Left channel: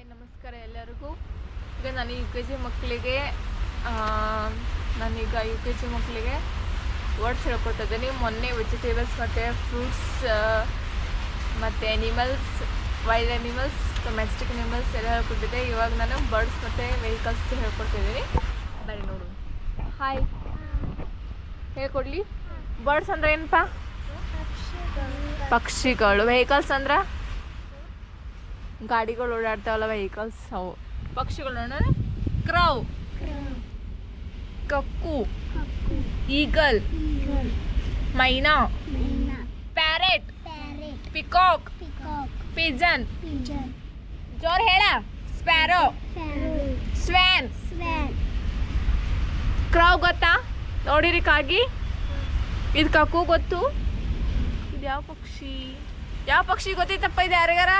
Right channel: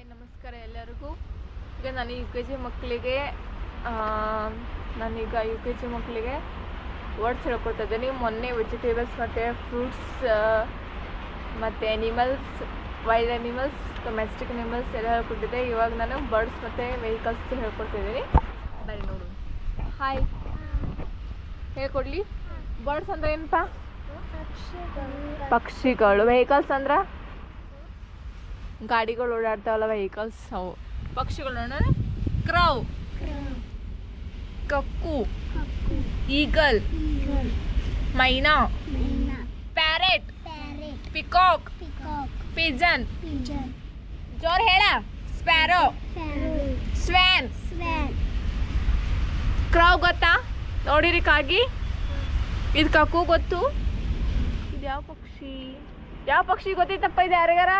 Hi ನಮಸ್ಕಾರ ಎಲ್ಲರಿಗೂ. ಈಗ ನಾನು ಯು ಕೆ ಜಿ ಮಕ್ಕಳಿಗೆ ನಾನೀಗ ಯು ಕೆ ಜಿ ಮಕ್ಕಳಿಗೆ ವರ್ಡ್ಸ್ ಹೇಳ್ಕೊಟ್ಟಿದ್ದೀನಿ ಮೊನ್ನೆ ವೆಜಿಟೇಬಲ್ಸ್ ಮತ್ತು ಫ್ರೂಟ್ಸ್ ಮತ್ತು animals wild animals domestic animals ಎಲ್ಲ ಹೇಳ್ಕೊಟ್ಟಿದ್ದೆ. ಇವಾಗ ನಾನು ಬರ್ಡ್ಸ್ ಮತ್ತು ವೆಹಿಕಲ್ಸ್ ಹೇಳ್ಕೊಡ್ತಿದ್ದೀನಿ ಬರೀ ನೋಡು. ಹಾಯ್ ಹೇಳ್ಕೊಡ್ಲಿ. ಬರ್ಡ್ಸ್ ಅಂದ್ರೆ ಏನಪ್ಪ? ಪಕ್ಷಿಗಳು. ವೆಹಿಕಲ್ಸ್ ಅಂದ್ರೆ? ಗಾಡಿಗಳು ಓಡಾಡ್ತಾವಲ್ಲ ವೆಹಿಕಲ್ಸ್ ಅವು ಪಕ್ಷಿಗಳು ನೋಡೋಣ crow cuckoo eagle myna parrot peacock pigeon ಜೋರ್ ಹೇಳ ಸ್ಪ್ಯಾರೋ ಸ್ವ್ಯಾನ್ ಕ್ರೌ ಗೊತ್ತಾ? ನೋಡಿರಿ ಕಾಗಿ. ಇದು ಕಕ್ಕು ಗೊತ್ತು? ಇದು ಯಾವ ಪಕ್ಷಿ? ಯಾವ ಪಕ್ಷಿ ಗೊತ್ತೈತಪ್ಪ ಇದು ಯಾರಿಗಾರ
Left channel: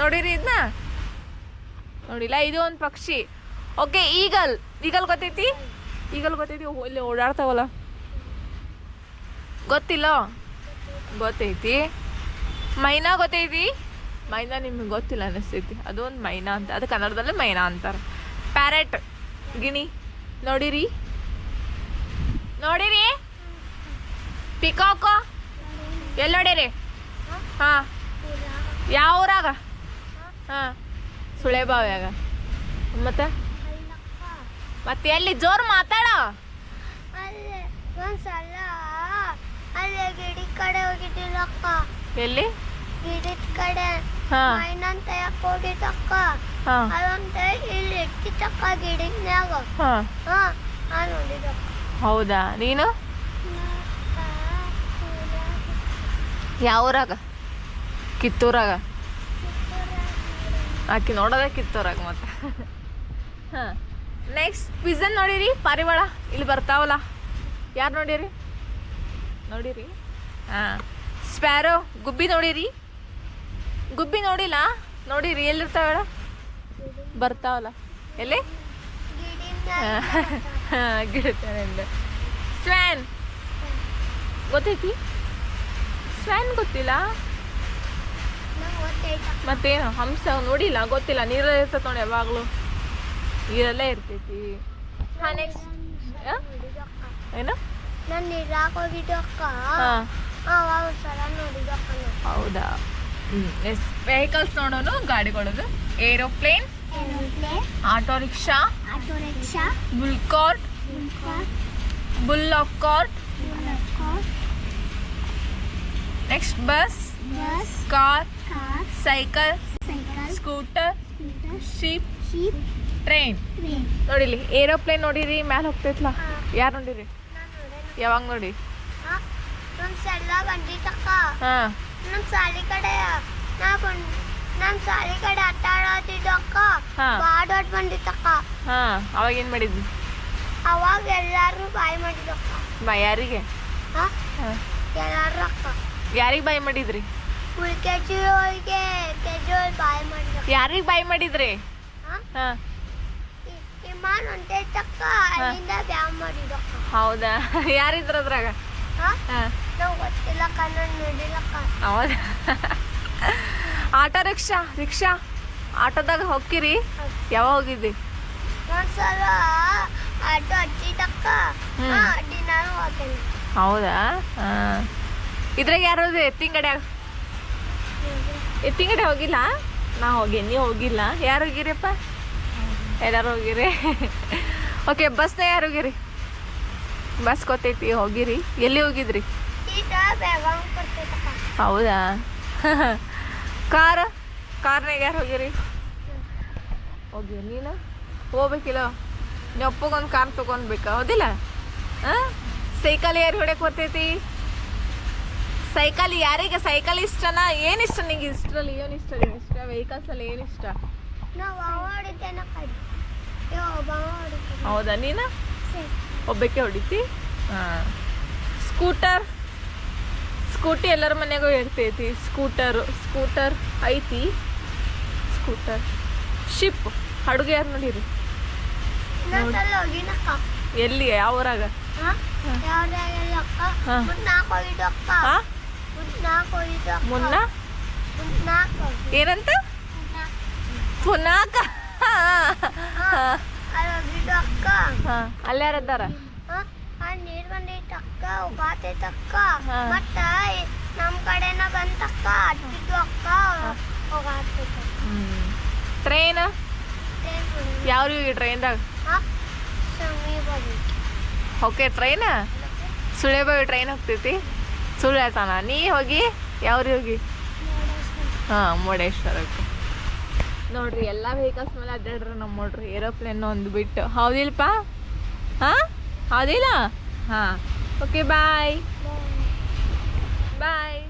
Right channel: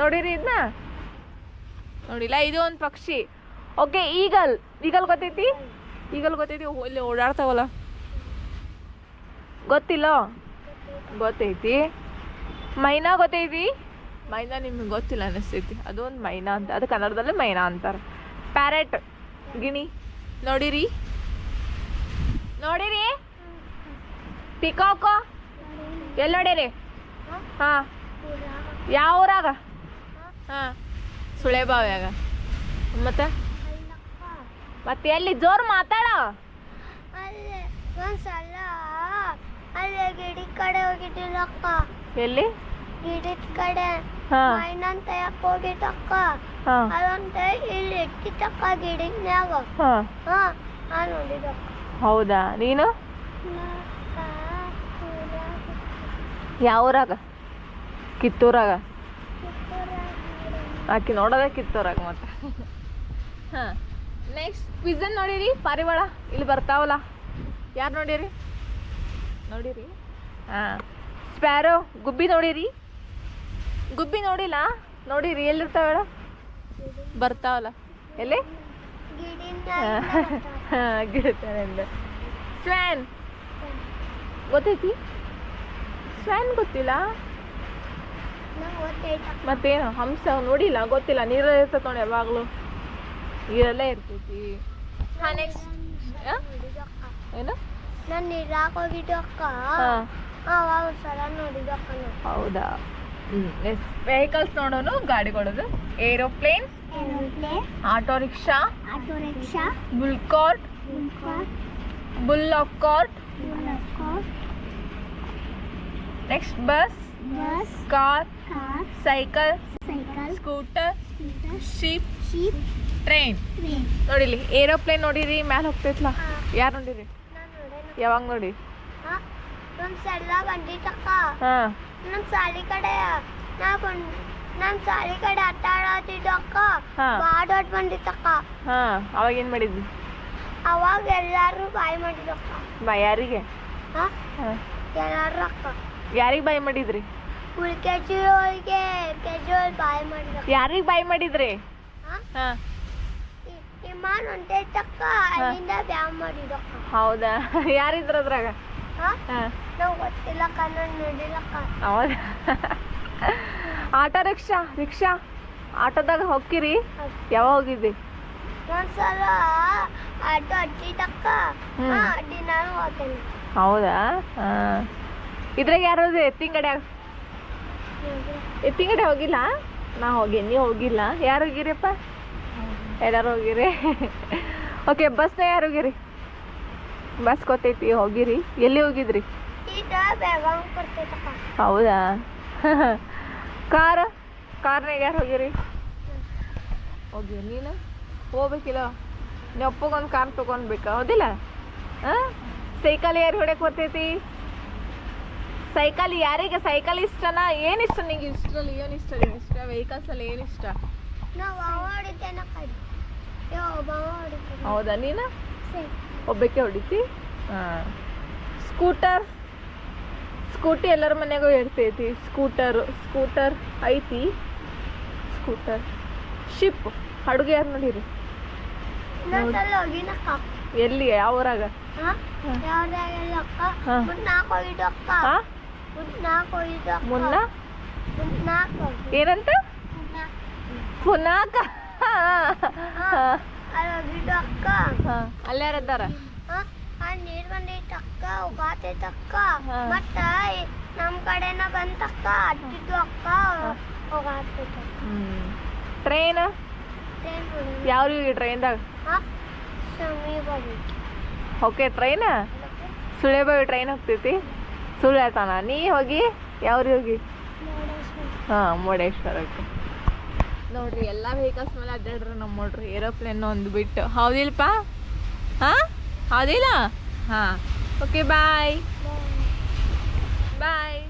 ನೋಡಿರಿ ಇದನ್ನ ನೋಡಿಲ್ಲ, ಇದು ಒಂದು ಪಕ್ಷಿ. ಓಕೆ ಈಗಲ್ ಈಗಲ್ ಗೊತ್ತೈತಿ? ಈಗಲ್ ಗೊತ್ತೈತಿ. ಇಲ್ಲಿ ಓಡಾಡ್ತಾವಲ್ಲ. ಗೊತ್ತಿಲ್ಲ? ಗೊತ್ತೈತಿ. ಮೈನಾ ಗೊತ್ತೈತಿ? ಮೈನಾ ನಿಮ್ಗೆ ಗೊತ್ತಿಲ್ಲ ಅನಿಸ್ತೈತಿ. ಅದು ಒಂದು ಮೈನಾ ಅಂತ, ಅದು ಕನ್ನಡದಲ್ಲೇ ಮೈನಾ ಅಂತಾರೆ. ಪ್ಯಾರೆಟ್ ಗಿಣಿ. ನೋಡಿರಿ? ನೋಡಿರಿ? ಪಿಕಾಕೋ ಎಲ್ಲಿ ನೋಡಿರಿ? ಹಾಂ. ಯಾವ ಊರಾಗ? ಹಾಂ. ಸುಳೆಬಾವ್ಯಾಗ ಮತ್ತೆ? ಮತ್ತೆ ಎಲ್ಲಿ? ಜೋರು ಮಾತಾಡ. ಅಲ್ಲೇ ಒಂದ್ಸಲ ಅಲ್ಲೇ ಗಿಡಿ ಕಡೆ ಹೋಗಿದ್ದಿಲ್ಲಕ್ಕ. ಎಲ್ಲಿ? ಗಿಡದ ಕಡೆ. ಮೈನಂತ ಯಾಕೆ ಹೋಗಿದ್ದಕ್ಕ. ಅದಂತ ಇಲ್ಲಿ ಇಟ್ಟಿದ್ದಕ್ಕ ಗಿಡದ್ನ್ಯಾಗ ಹಾ. ನೋಡಿದಕ್ಕ ಹೌದಾ? ನೀನು? ಯಾವ ಊರಾಗ ಕಿತ್ತೂರಾಗ? ಆಕಿ ನೋಡೋದಕ್ಕಿತ್ತು ಕಿತ್ತೂರಾಗ ಮತ್ತೆ. ಹಾಂ ನೆಕ್ಸ್ಟ್ ಪಿಝನ್ ನೋಡಿರಿ, ಪಾರಿವಾಳ, ಇಲ್ಲಿ ಬರ್ತಾವಲ್ಲ. ಯಾರು ನೋಡಿರಿ? ನೋಡಿರಿ? ಹಾಂ ಸ್ಪ್ಯಾರೋ ಗುಬ್ಬಿ ನೋಡಿರಿ. ಗುಬ್ಬಿ ನೋಡಿಲ್ಲ, ನೋಡಿರಿ, ಎಲ್ಲಿರ್ತಾವಳ? ಬರ್ತಾವಲ್ಲ. ಎಲ್ಲಿ? ಹಾಂ ಸ್ವ್ಯಾನ್ ಗೊತ್ತೈತಿ? ಸ್ವ್ಯಾನ್ ಗೊತ್ತಿಲ್ಲ. ಮತ್ತೇನು? ಹಂಸ ನೋಡಿಲ್ಲ ಗೊತ್ತಿಲ್ಲ. ನೀರಲ್ಲೇ ಇರ್ತೈತೆ ನೋಡಿ ಯಾವಾಗಲೂ. ನೀರಲ್ಲೇ ಇರ್ತೈತಿ. ಹಾಂ ನೆಕ್ಸ್ಟ್ ನೋಡಿದಕ್ಕ ಏನು? ನಾನು ನೀರಾಗ ಹೌದಾ? ಎಸ್ ವೆಹಿಕಲ್ಸ್ ನೋಡೋನು ಗಾಡಿಗಳದು. Aeroplane aeroplane auto rickshaw auto rickshaw bull bullock cart next bus bus car car cycle cycle scooter ship train ನೋಡಿಲಿ ಏರೋಪ್ಲೇನ್ ನೋಡಿರಿ ಮ್ಯಾಲ ಹೋಗ್ತೈತ್ಲ ಯಾರು ನೋಡಿರಿ? ಯಾವಾಗ ನೋಡಿ ನಮ್ಮ ಸಲ ಬಂದಿತ್ತಕ್ಕ. ಹಾಂ. ನಮ್ಮ ಸಾಲಿ ಕಡೆ ನಾ ಬಂದ್ ನಮ್ಮ ಸಾಲಿ ಕಡೆ ಆಟ ಆಡತ್ತಿದ್ದಕ್ಕ ಹಾ. ಬಾಳ ದೊಡ್ಡ ಅವಾಗ ಏನು ಮಾಡಿದ್ವಿ ಅವಾಗ ಎಲ್ಲಾರು ಬಾಯ್ ಮಾಡಿದಕ್ಕ ಬಾ ಯಾರಿಗೆ? ಎಲ್ಲಾರು ಅಕ್ಕ. ಯಾರಿಗೆ ಬಾಯ್ ಮಾಡಿದ್ರಿ? ಫುಲ್ ಕೆ ಜಿ ಒಳಗೆ ಕೆ ಜಿ ಒಳಗೆ ಬಾಯ್ ಮಾಡಿದಕ್ಕ ಯಾರಿಗೆ ಬಾಯ್ ಮಾಡಿದ್ರಿ? ಹಾ? ಹಾಂ. ಇ- ವಿಮಾನ ಹೊಂಟೈತಕ್ಕ ಅಲ್ಲಿಂದ ಬ್ಯಾವ್ ಮಾಡಿದಕ್ಕ ಹೌದಾ? ಯಾರಿದ್ರ ಅದ್ರಾಗ? ಹಾ? ಹಾಂ. ನಾವು ಗೊತ್ತಿಲ್ಲಕ್ಕ ನಾನು ನೋಡಿಲ್ಲಕ್ಕ ಹೌದಾ? Auto rickshaw rickshaw? ಆಟೋದಾಗ ಹೋಗ್ಕಿರಿ ಯಾವಾಗ ಹೋಗಿದ್ದಿ? ಒಂದ್ಸಲ ಆಟೋ ಹಚ್ಚಿದಕ್ಕ ಹ್ಮ್. ಹಾ ಅಡ್ಡಿ ನಾನು ಹೋಗ್ತೇನೆ. ಹೌದಾ? ಹಾಂ. ಇದ್ರಾಗ ಯಾರು ಎತ್ತಿಂಗಡೆ ಎತ್ತಿಂಗಡೆ ಹೋಗಿಲ್ಲ? ನಾ ಹೋಗಿ ನೀವು ಹೋಗಿಲ್ಲ? ಯಾರು ಹೋಗಿರಿಪ್ಪ ಎಲ್ಲಾರು ಹೋಗಿರಿ. ಓಕೆ ಬಸ್ನ ಯಾರು ಹೋಗಿರಿ? ಬಸ್ ಗೊತ್ತೈತಿ, ಹೋಗಿರಿ. ಎಲ್ಲಿ ಹೋಗಿದ್ರಿ? ಹೌದಾ? ಕಾರ್ ಕಾರ್ನಾಗ ಯಾರು ಹೋಗಿರಿ? ಹೋಗಿ, ನೀನು? ಹೋಗ್ಬೇಕಿಲ್ಲ? ನೀವು ಅಪ್ಪಗೊಂದು ಕಾರ್ ತೊಗೊಂಡ್ಬೇಕಾ ಹೌದಿಲ್ಲ? ಹಾಂ? ಸೈಕಲ್ ಯಾರು ಹೊಡ್ಯಕ್ಕೆ ಬರ್ತೈತಿ? ಸೈಕಲ್ ಯಾರಿಗೆ ಸೈಕಲ್ ಇಷ್ಟನಾ? ಏನು ಇಷ್ಟ ನಿಂಗೆ? ಇಷ್ಟರಲ್ಲಿ ಏನು ಇಷ್ಟ ನಿಂಗೆ? ಇಷ್ಟ ವೆಹಿಕಲ್ಸಲ್ಲಿ ಏನು ಇಷ್ಟ? ಹೌದಾ ನೀನು? ಒಬ್ಬಕ್ಕೆ ಹೊಡಿತಿ? ಹಾಂ. ಸ್ಕೂಟರ್? ಸ್ಕೂಟಿ ಎಲ್ಲರ ಮನೆಗೂ ಇರ್ತೈತಿ. ಸ್ಕೂಟರ್ ಸ್ಕೂಟರ್ ಐತಿ. ಸ್ಕೂಟರ್. ಶಿಪ್ ಅಡುಗೆ ಯಾರು ನೋಡಿರಿ ಎಲ್ಲಿ ಯಾವ ಊರಾಗ? ಅಕ್ಕ ಮುನ್ನ ಮುಂದ್ ನಾಲ್ಕು ಏನಂತ? ಪುನಾಕ ಅಲ್ಲಿ ಯಾರದ್ದಾರ ನಮ್ಮ ನೀರ್ ಬಂದೈತೆ ಅಕ್ಕ ಹೋಗಾತೈತೆ ಅಕ್ಕ. ಮತ್ತ ನಮ್ ಕಡೆನ ಬಂತಕ್ಕ ಅಡ್ಡಿದ್ದು ಅಕ್ಕ. ಹೋಗಾತೈತೆ ಟ್ರೈನ್? ಯಾವ ರೀ ಟ್ರೈನ್ದಾಗ. ಓಕೆ ಟ್ರೈನ್ ಸುಳೇಬಾವಿ ಟ್ರೈನ್ ಹೋಗ್ತೈತಿ? ಸುಳ್ಳು ಹೇಳ್ತಾನ. ನೀ ಹೋಗಿ ಯಾವ್ರಿ ಹೋಗಿ? ಹಾಂ ಮುರುಡೇಶ್ವರಕ್ಕೆ ನೋಡ್ರಿ ಎಲ್ಲ ವೆಹಿಕಲ್ಸ್ ಮೇಲೆ ಅಡ್ಡಾಡ್ರಿ ನಮ್ಮ ನೋಡ್ರಿ ಏರೋಪ್ಲೇನ್ ಒಂದು ಬಿಟ್ಟು. ಹೌದಿಲ್ಪ? ಹಾಂ? ಹೌದಿಲ್ಲ? ಹಾಂ. ಓಕೆ ಬಾಯ್ ಬಾಯ್